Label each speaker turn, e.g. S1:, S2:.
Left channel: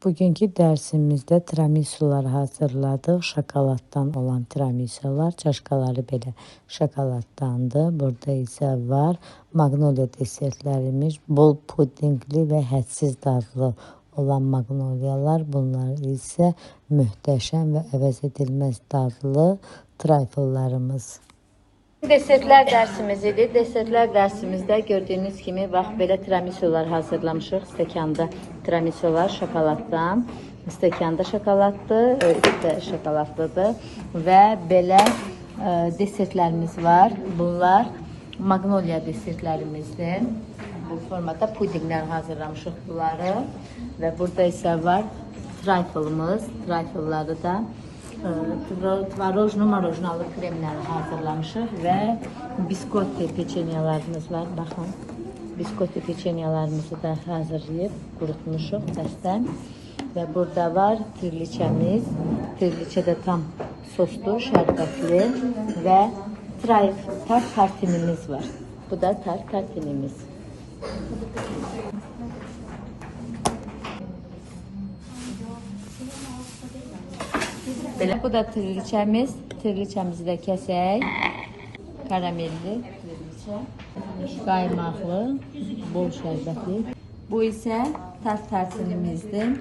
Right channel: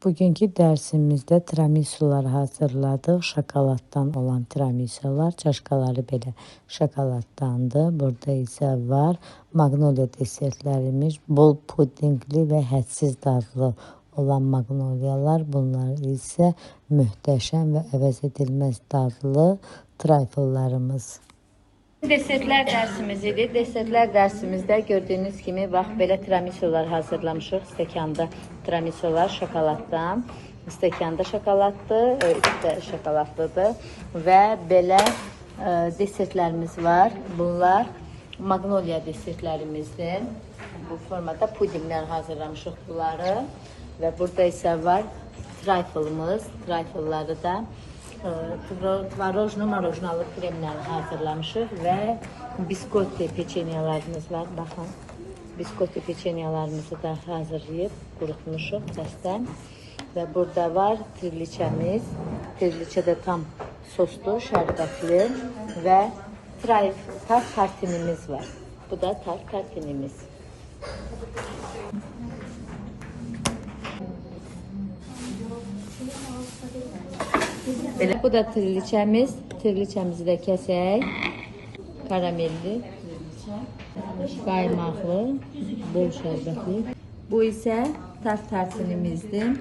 S1: Bugünkü dərsimizdə tiramisular hazırladıq. Şokoladdan olan tiramisular, çaşkaları belə şokoladdandır. Burada isə var magnolia desertlərimiz, bol pudingli və hədsiz dadlı olan magnoliyalar. Bunlar isə möhtəşəm və əvəz edilməz dadlı trifle'larımız.
S2: Desertlər dərsimiz idi. Desertlər dərsimizdə gördüyünüz kimi bax belə tiramisular hazırlamışıq. Stəkanda tiramisu var şokoladdan. Stəkanda şokoladdır, özü də şokoladlıdır və belə ə, desertlərimiz var. Bunlar Magnolia desertlərimizdir. Bu formada pudingdən hazırlamışıq bunları və burada isə var trifle'ımız. Trifle'ları da e, tvarojno marojnalı kremlə hazırlamışıq və biskotli peçenyalarımız var. Baxın, biskotli peçenyalarımızı da hazırlayıb qurutmuşuq dəstən. Və burada var tirliçəmiz. Tirliçə də tam soslu, şərbətli və trif, tart tartinimiz var. Bu da tart tartinimiz. Bu da tirliçemiz. Tirliçemizi de kesək. Karamelli. Qaymaklı, bol şərbətli. Bu isə tart tartinimizdir.